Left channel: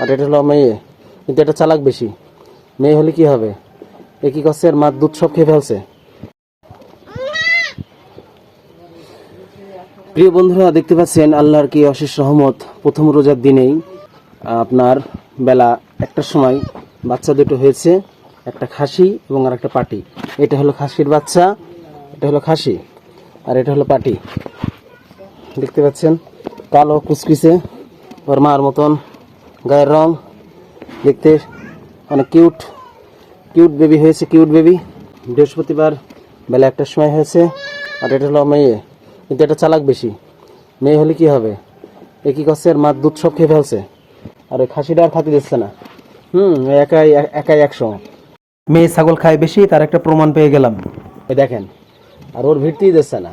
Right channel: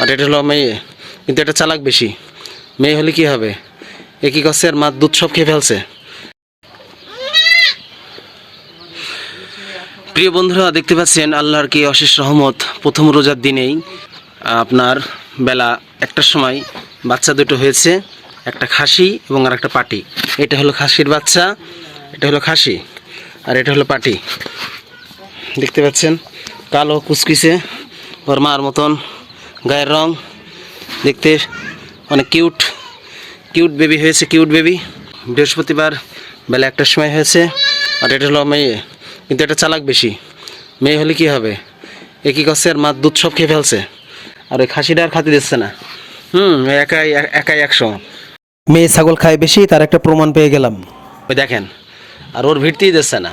আর এটা হলো মেয়ে, কিন্তু এটা চালাক বেশি। মেয়ে হলে কি হবে, এ কি করছে, আর মার দুধ সব খেয়ে ফেলছে। প্রিয় বন্ধুরা, দেখতে পাচ্ছেন আল্লাহর কি অশেষ রহমত। প্রথম রোজার দিনেই আপনার বেলা 1টার সময় বাচ্চা দুটো হয়েছে, একটা খাসি এবং আর একটা পাটি। এটা হলো খাসির বাচ্চা, এটা হলো খাসি, আর এটা হলো পাটি। দেখতে পাচ্ছেন কালো কুচকুচে, ওর মার মতন গায়ের রং, দেখতে অনেক কিউট কিউট বেবি হয়েছে, কিউট বেবি। বৃহস্পতিবার বেলা 1টার সময় হয়েছে। আর এটা হলো মেয়ে, কিন্তু এটা চালাক বেশি। মেয়ে হলে কি হবে, এ কি করছে, আর মার দুধ সব খেয়ে ফেলছে। আর ওই খাসিটা আর খাতে দিচ্ছে না। একাই একাই 100। মেয়ে ছাগল খায় বেশি, তার একটা প্রমাণ পেয়ে গেলাম। ওই দেখেন, আর ওর ভিড়তেই দিচ্ছে না।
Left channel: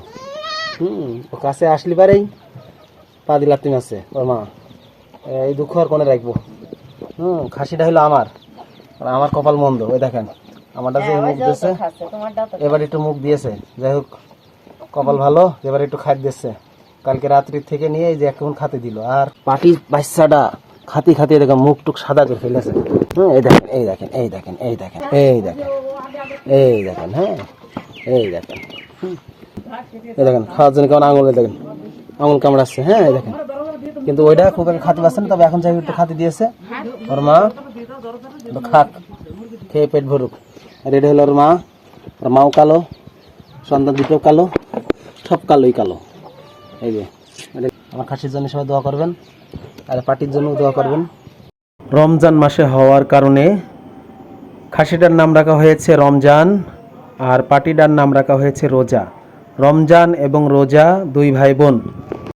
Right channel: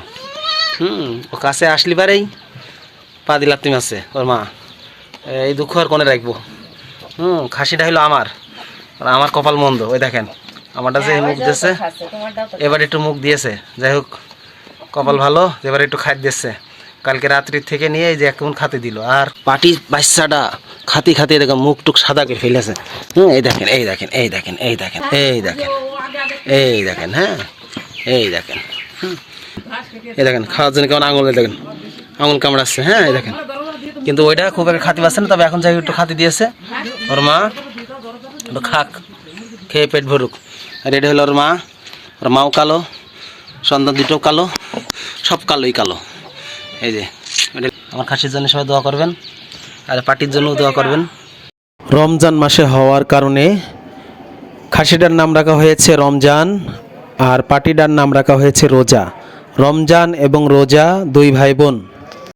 ও কাছে আসলি পারেই পা দিলাম তুমি আছে ওর মা। এই দুঃখ আর কোনে রাখবো। খাসিটা হলো আমার, আর আমার কপাল মন্দ। ওই দেখেন আমারটা যে মুখ দিয়েছে, এবার একটু মুখ দিয়েছে। যাই হোক, কপাল ভালো, এবার একটু খাইতে দিচ্ছে। কালকে রাত্রির থেকে নিয়ে এই যে এখন খাতে দিল। আর পাটি বাচ্চাটা খাতি খাতি দেখেন মুখ টুক সাদা করে ফেলেছে। এই দেখেন, এই দেখেন, এই দেখেন, এই দেখেন, এই দেখেন, এই দেখেন, হ্যাঁ এই দেখেন, এই দেখেন খাওয়ার জন্য কেমন আঙুল, দেখেন আঙুল কামড়াচ্ছে। হ্যাঁ এই দেখেন, কিন্তু ওইটা খুব একটা খাতি পাচ্ছে না, তবে এখন যাই একটু খাতি দিয়েছে। ওর মা একটু খাক, খেয়ে পেট ভরুক। আর এটা হলো ওর মা, ওর মাও কালো, সন্তান দুটোও কালো, সব কালোই কালো। এই যে আমার খাসির জন্য সবাই দোয়া করবেন, আর পাটির জন্যও দোয়া করবেন। রমজান মাসে হওয়ার কারণে খাসিটার নাম রাখা হয়েছে রমজান, আর পাটিটার নাম রাখা হয়েছে রোজা। রমজান এবং রোজা দুই ভাই বোন।